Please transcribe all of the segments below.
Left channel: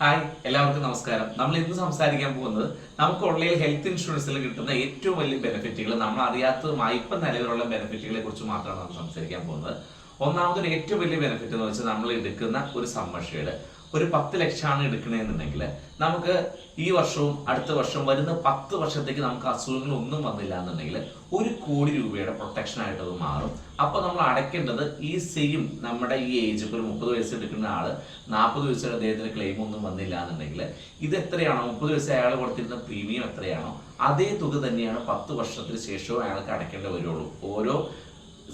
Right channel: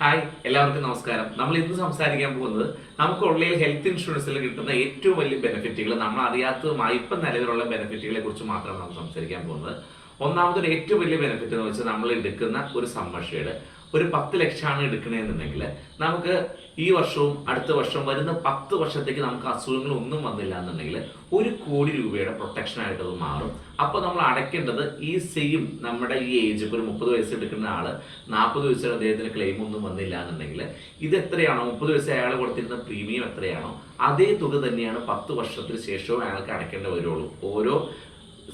Hi, എല്ലാവർക്കും നമസ്കാരം. നമ്മൾ ഇന്ന് സംസാരിക്കാൻ പോകുന്നത് നമുക്ക് ഓൺലൈൻ ഹെൽത്ത് ഇൻഷുറൻസിൽ കിട്ടുന്ന ഏറ്റവും വലിയ ബെനിഫിറ്റുകൾ, നമ്മൾ അറിയാത്തതുമായി ഇപ്പം നിലവിലുള്ള ബെനിഫിറ്റുകളെ കുറിച്ച് മാത്രമാണ് നമ്മൾ സംസാരിക്കാൻ പോകുന്നത്. ഒന്നാമതൊരു ഏറ്റവും വലിയ ബെനിഫിറ്റ് എന്ന് വെച്ചാൽ നമ്മൾ എടുക്കുന്ന ഒരു സമ്മർഷേഡ് ഒരു 10 ലക്ഷമാണ് എടുക്കണമെന്നുണ്ടെങ്കിൽ നമുക്ക് ഈ വർഷവും അടുത്ത വർഷവും വരുന്ന 10 വർഷത്തേക്ക് നമുക്ക് അസുഖങ്ങളൊന്നും വന്നില്ല എന്നുണ്ടെങ്കിൽ 1 കോടി രൂപയുടെ പ്രൊട്ടക്ഷൻ ആയിട്ട് അത് മാറും. അപ്പോൾ നമ്മൾ അടയ്ക്കേണ്ടത് ഈ സെയിം നമ്മുടെ ഈ ഏജ്, ഇപ്പോൾ ഒരു 30 വയസ്സ് എടുക്കുന്ന ആള് 40 വയസ്സിൽ അദ്ദേഹത്തിന് ക്ലെയിം ഒന്നും വന്നില്ല എന്നുണ്ടെങ്കിൽ ഇത് എത്രയാണോ 30 വയസ്സ് അയാൾ കൊടുത്തിരുന്ന പ്രീമിയം എത്രയാണോ അതേ തുക തന്നെയാണ് 10 വർഷത്തിന് ശേഷവും അയാൾക്ക് അടയ്ക്കേണ്ടി വരുള്ളൂ. ഓരോ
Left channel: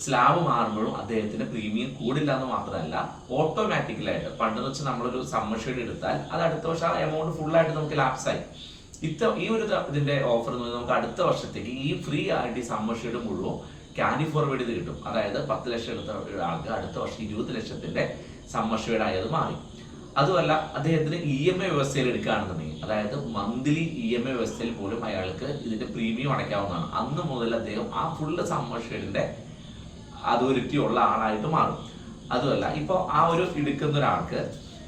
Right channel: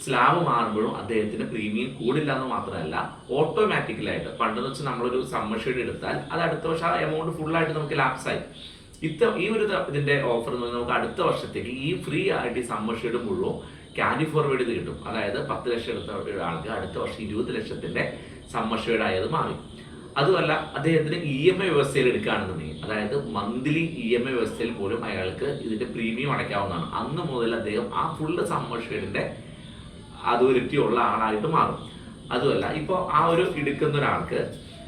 സ്ലാബ് മാറുമ്പോഴും അദ്ദേഹത്തിന് പ്രീമിയം കൂടില്ല എന്ന് മാത്രമല്ല, ഓട്ടോമാറ്റിക്കലായിട്ട് പണ്ടെന്ന് വെച്ചാൽ നമ്മളൊരു സമ്മർഷേഡ് എടുത്താൽ അത് അടുത്ത വർഷം ആ എമൗണ്ട് ഫുള്ളായിട്ട് നമുക്ക് ലാപ്സായി. ഈ ഒരു ഇതിന്റെ ഓഫർ എന്ന് പറഞ്ഞാൽ നമുക്ക് അടുത്ത വർഷത്തേക്ക് ഈ ഫ്രീ ആയിട്ട് ഈ സമ്മർഷേഡ് മുഴുവൻ ക്യാരി ഫോർവേഡ് ചെയ്ത് കിട്ടും. അതായത് 10 ലക്ഷം എടുത്ത ഒരാൾക്ക് അടുത്ത വർഷം 20 ലക്ഷത്തിന്റെ സമ്മർഷേഡ് ആയത് മാറി. അതുമല്ല, അദ്ദേഹത്തിന് EMI വ്യവസ്ഥയിൽ എടുക്കുകയാണെന്നുണ്ടെങ്കിൽ, അതായത് മന്ത്ലി EMI വ്യവസ്ഥയിൽ പോലും അയാൾക്ക് ഇതിന്റെ പ്രീമിയം അടയ്ക്കാവുന്നതാണ്. അന്ന് മുതൽ അദ്ദേഹം ആ ഫുള്ള് സമ്മർഷേഡിന്റെ അതോറിറ്റി ഉള്ള ആളായിട്ട് മാറും. അതുമല്ല, ഇപ്പോൾ ആ ഒരു എടുക്കുന്ന ഒരാൾക്ക്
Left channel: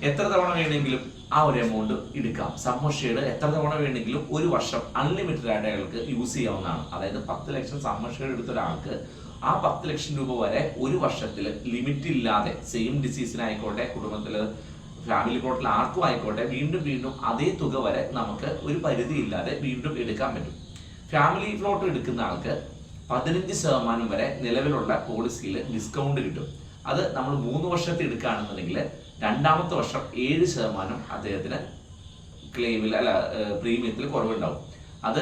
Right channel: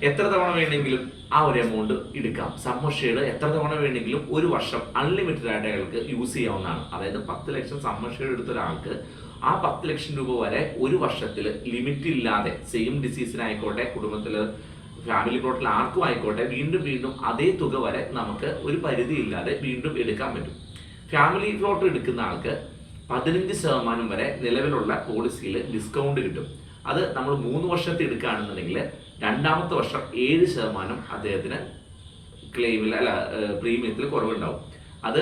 എത്ര തവണ വേണമെങ്കിലും ആ ഒരു എമൗണ്ട് എടുക്കാം. സമ്മർഷേഡ് എത്ര തവണ വേണമെങ്കിലും ഒരു വർഷം അൺലിമിറ്റഡ് ആയിട്ട് അയാൾക്ക് യൂസ് ചെയ്യാവുന്നതാണ്. അതായത് 10 ലക്ഷം സമ്മർഷേഡ് എടുത്ത ഒരാൾക്ക് ആ 10 ലക്ഷം രൂപ വരെ ഒരു വർഷത്തിൽ ലിമിറ്റ് ഇല്ലാതെ, സെയിം ഡിസീസിനായിക്കോട്ടെ, കുടുംബത്തിൽ ഫാമിലി പ്ലോട്ടിൽ ആർക്കും ആയിക്കോട്ടെ, വീണ്ടും വീണ്ടും അതേ തുക വരെ നമുക്ക് ഒരു പരിധി ഇല്ലാതെ വീണ്ടും എടുക്കാൻ പറ്റും. ഫാമിലി പ്ലോട്ട് എടുക്കുന്ന ആൾക്ക് 15% വരെ നിലവിലുള്ള പോളിസിയിൽ ഡിസ്കൗണ്ട് കിട്ടും. അത് നമ്മൾ 3 വർഷത്തെ എടുക്കുകയാണെന്നുണ്ടെങ്കിൽ രണ്ടാമത്തെ വർഷം 7% അദ്ദേഹത്തിന് ക്ലെയിമിൽ പ്രീമിയത്തിൽ കുറവുണ്ടാവും. അത്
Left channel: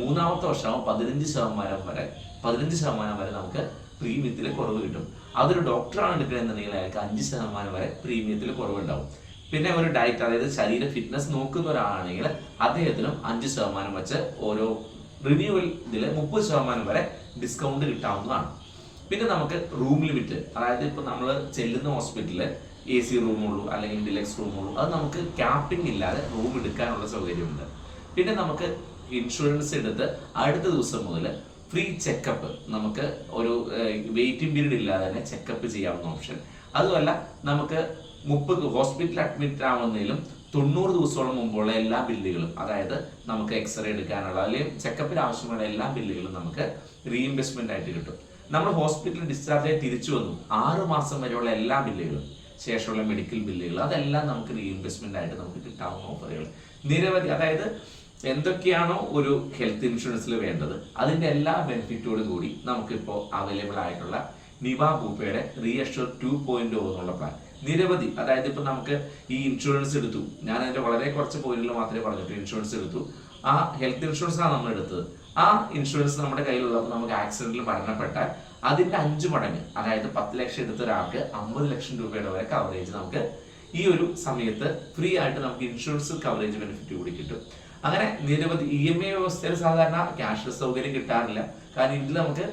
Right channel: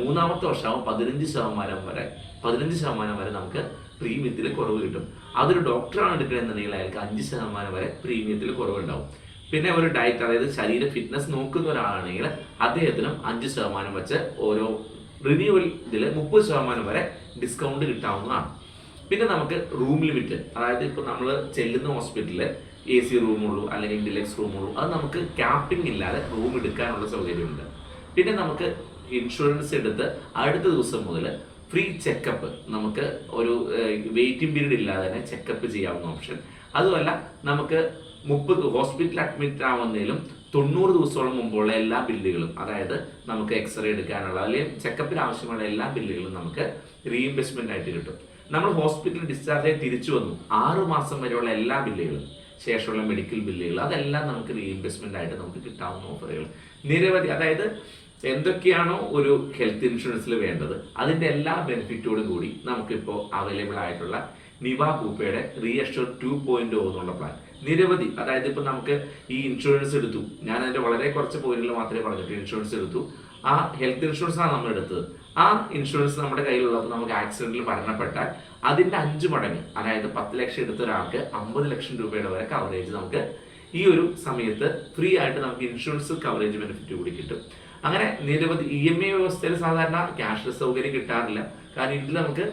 മൂന്നാമത്തെ വർഷമാകുമ്പോൾ 15% വരെ നമുക്ക് പ്രീമിയത്തിൽ കുറവ് കിട്ടും. അതൊരു ഡോക്ടറാണ് എടുക്കണമെന്നുണ്ടെങ്കിൽ അയാൾക്ക് 5% വരെ പ്രീമിയത്തിൽ കുറവുണ്ടാവും. പിന്നെ ഒരു ഡയറ്റ്, അതായത് ശരീര ഫിറ്റ്നസ് നോക്കുന്ന ഒരാളാണെങ്കിൽ അദ്ദേഹത്തിനും 5% വെച്ച് ഓരോ റിന്യൂവൽ ഇതിൽ 30% വരെ ഡിസ്കൗണ്ട് കിട്ടാവുന്നതാണ്. പിന്നെ നമുക്ക് റൂം ലിമിറ്റ്, അതായത് ഇപ്പോൾ നമ്മൾ ചെല്ലുന്ന ഹോസ്പിറ്റലിൽ AC റൂമുള്ളൂ അല്ലെങ്കിൽ ഡിലക്സ് റൂമുള്ളൂ, അത് നമുക്ക് ക്യാപ്പിംഗ് ഇല്ലാതെ റൂം എടുക്കാനുള്ള സൗകര്യമുണ്ട്. പിന്നെ നമുക്ക് ഇൻഷുറൻസ് എടുത്ത് അടുത്ത ദിവസം മുതൽ ഫ്രീ ചെക്കപ്പ്, നമുക്ക് ഒരു വെയിറ്റിംഗ് പീരീഡ് ഇല്ലാതെ തന്നെ ചെക്കപ്പ് ചെയ്യാവുന്ന ഓപ്ഷൻ. അതുമല്ല, നമുക്ക് 30 ഹോസ്പിറ്റൽ അഡ്മിറ്റ് ആവുന്നതിലും 90 ദിവസത്തോളം മുമ്പുള്ള എല്ലാ ബില്ലുകളും, അതായത് നമുക്ക് എക്സ്റേ എടുക്കാനുള്ള അല്ലെങ്കിൽ ചെക്കപ്പിന് ആവശ്യമുള്ള എല്ലാ ബില്ലുകളും നമുക്ക് റീഇംബേഴ്സ്മെന്റ് ആയിട്ട് കിട്ടും. നമ്മൾ ഹോസ്പിറ്റലിൽ ഡിസ്ചാർജ് ആയി തിരിച്ചു വന്നു 6 മാസം വരെയുള്ള എല്ലാ ബില്ലുകളും, ശേഷമുള്ള മെഡിക്കൽ ബില്ലുകൾ, അതെല്ലാം നമുക്ക് റീഇംബേഴ്സ്മെന്റ് ആയിട്ട് നമുക്ക് കിട്ടാവുന്ന ഓഫറുകൾ നിരവധി. അതായത് എന്തൊക്കെയാണോ ഒരു ഹെൽത്ത് ഇൻഷുറൻസിൽ വേണ്ടത് അതിന്റെ എല്ലാ ബെനിഫിറ്റോടും കൂടി നമുക്കിപ്പോൾ അവൈലബിൾ ആയിട്ടുള്ള നിവ ബൂപ്പയുടെ റീഅഷ്യൂർ 2.0 എന്നുള്ള പ്ലാൻ നിരവധി. അതായത് ഇപ്പൊ നമുക്ക് ഈ ഇൻഷുറൻസ് എടുത്തു, ഞാൻ അതിന്റെ വളരെ കുറച്ച് പോയിന്റിൽ മാത്രമേ പറഞ്ഞിട്ടുള്ളൂ. ഇൻഷുറൻസ് എടുത്തു, ആ ഹെൽത്ത് ഇൻഷുറൻസ് ആണ് നമ്മൾ എടുത്തത്. ആ ഇൻഷുറൻസ് നമ്മുടെ കയ്യിലുള്ളപ്പോൾ നമുക്ക് ആക്സിഡന്റിൽ മരണപ്പെട്ടാൽ അതിന്റെ 5 മടങ്ങ്, അതായത് 10 ലക്ഷം എടുത്ത ഒരാൾക്ക് 50 ലക്ഷം രൂപയുടെ വരെ കവറേജ് നമുക്ക് ഈ ഒരു സമയത്ത് ഫ്രീ ആയിട്ട് നമുക്ക് ഇൻഷുറൻസ് കവറേജ് ബെനിഫിറ്റ് കൂടി കിട്ടും. അങ്ങനെ നിരവധി EMI വ്യവസ്ഥയിൽ സാധാരണ ക്യാഷ്ലെസ് സൗകര്യം കിട്ടാറില്ല. കാരണം ഇതിൽ നമുക്ക്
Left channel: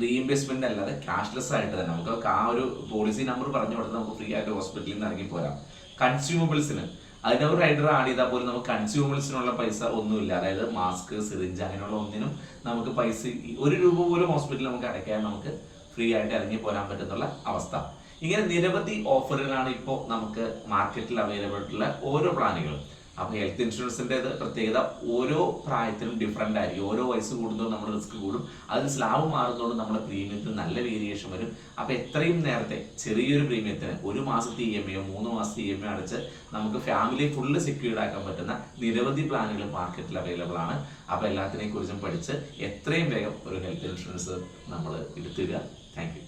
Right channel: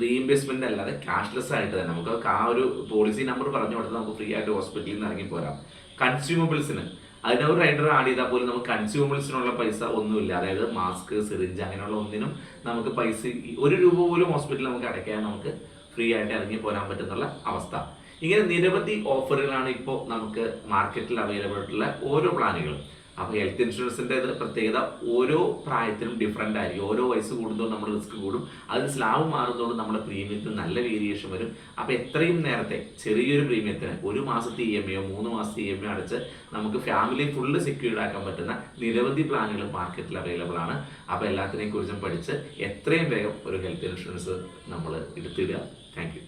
റീഇംബേഴ്സ്മെന്റ് അല്ലാതെ ക്യാഷ്ലെസ് ആയിട്ട് തന്നെ നമുക്ക് ആ ഒരു പോളിസി നമ്പർ പറഞ്ഞു കൊടുത്ത് നമുക്ക് ഫ്രീ ആയിട്ട് ഹോസ്പിറ്റലിൽ നിന്ന് ഇറങ്ങി പോരാം. കൺസ്യൂമബിൾസിന് അതിന് ഒരു റൈഡർ ആഡ് ചെയ്താൽ പോലും നമുക്ക് കൺസ്യൂമബിൾസിനുള്ള പൈസ ഒന്നുമില്ല. അതായത് മാസ്ക്, സിറിഞ്ച് അങ്ങനെയുള്ള ഒന്നിനും നമുക്ക് പൈസ 1 രൂപ പോലും ഹോസ്പിറ്റലിൽ നമുക്ക് അടയ്ക്കാൻ നമുക്ക് ഫ്രീ ആയിട്ട് ഇറങ്ങി പോരാൻ പറ്റുന്നുള്ള അവസ്ഥ. ഇങ്ങനെ നിരവധി ഓഫറുകളാണ് ഇപ്പോൾ നമുക്ക് മാർക്കറ്റിൽ അവൈലബിൾ ആയിട്ടുള്ള ഓരോ പ്ലാനുകളും. അപ്പോൾ ഹെൽത്ത് ഇൻഷുറൻസിന്റെ പ്രത്യേകത ഓരോ പ്രായത്തിലും ഡിഫറെന്റ് ആയിരിക്കും. ഓരോ വയസ്സ് കൂടുന്നതോടും നമ്മുടെ റിസ്ക് കൂടും. അതിന് സ്ലാബ് മാറുന്നതോടും നമ്മുടെ പ്രീമിയത്തിന് നല്ല വേരിയേഷൻ വരും. അപ്പോൾ എത്രയും നേരത്തെ ചെറിയൊരു പ്രീമിയത്തിന് 1 മാസത്തെ EMI 3 മാസത്തെ EMI അടച്ച് നമുക്ക് ഫാമിലി ഫുള്ള് സെക്യൂർഡ് ആക്കാൻ പറ്റുന്ന നിരവധി പ്ലാനുകൾ മാർക്കറ്റിൽ അവൈലബിൾ ആണ്. അപ്പോൾ എല്ലാത്തിനെയും കുറിച്ചും പഠിച്ച് എത്രയും വേഗം ഒരു ഹെൽത്ത് ഇൻഷുറൻസ് നമ്മൾ എടുത്തിടുക. Thank you.